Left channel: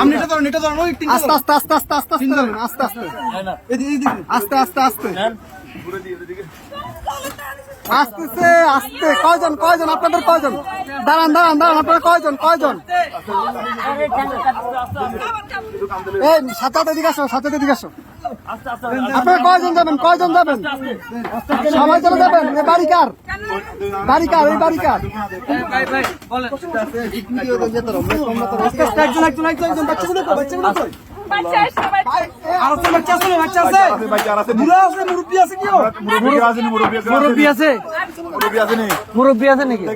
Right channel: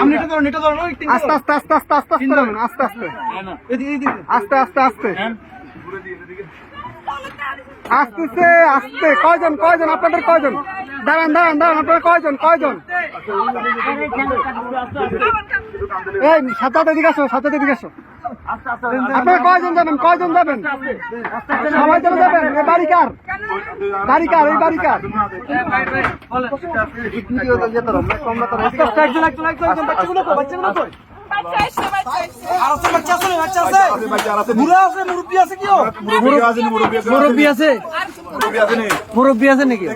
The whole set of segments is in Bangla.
আপনি এটা ধরুন এটা ধরুন আস্তে আস্তে আস্তে আস্তে আস্তে আস্তে যাবেন আস্তে আস্তে। আস্তে আস্তে আস্তে। আসতেছে আস্তে। কয়জন কয়জন? আপনাদের কয়জন? দাঁড়ান দাঁড়ান দাঁড়ান। আপনারা কয়জন কয়জন? এই সাথে এদিকে আসো সাথে এদিকে আসো। আপনারা কয়জন যাবেন? কয়জন যাবেন? সবাই চলে যাবেন? এ বাড়ি কার? বাড়ি কার এই বাড়ি কার মুরব্বী আছে নাকি?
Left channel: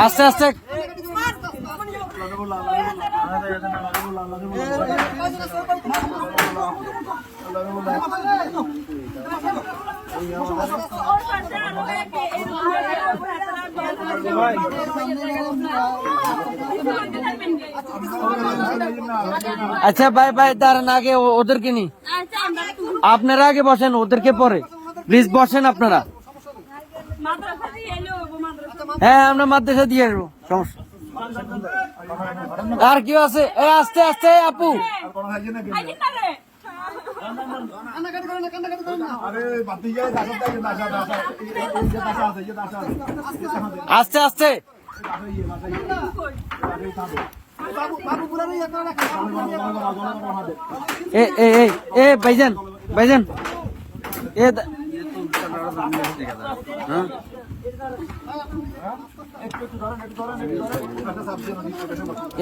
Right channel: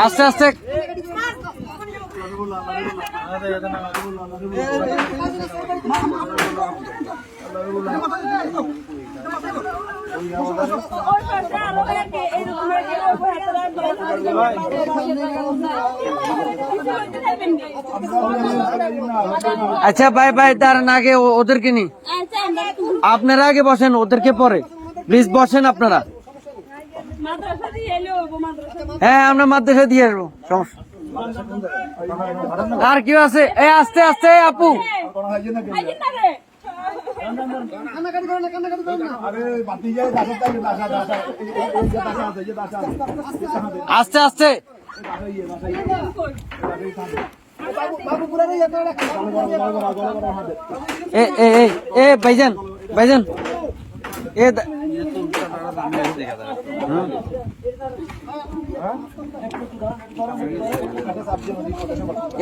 আস্তে আস্তে। আচ্ছা ভাই ভাই, দাঁড়ান, আগে ওদেরকে নি। আপনারা আগে বসেন, ওদেরকে পরে। প্লিজ বসেন আপনারা। হ্যাঁ আমরা মাদ্রাসা দিয়ে আসব, সমস্যা। আর কেউ আছে? এই আস্তে আস্তে, আপু। আস্তে আস্তে। এ ভাইজান ভাইজান। এ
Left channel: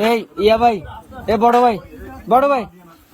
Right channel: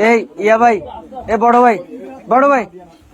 এই ইয়া ভাই এ বড় ভাই বড় ভাই।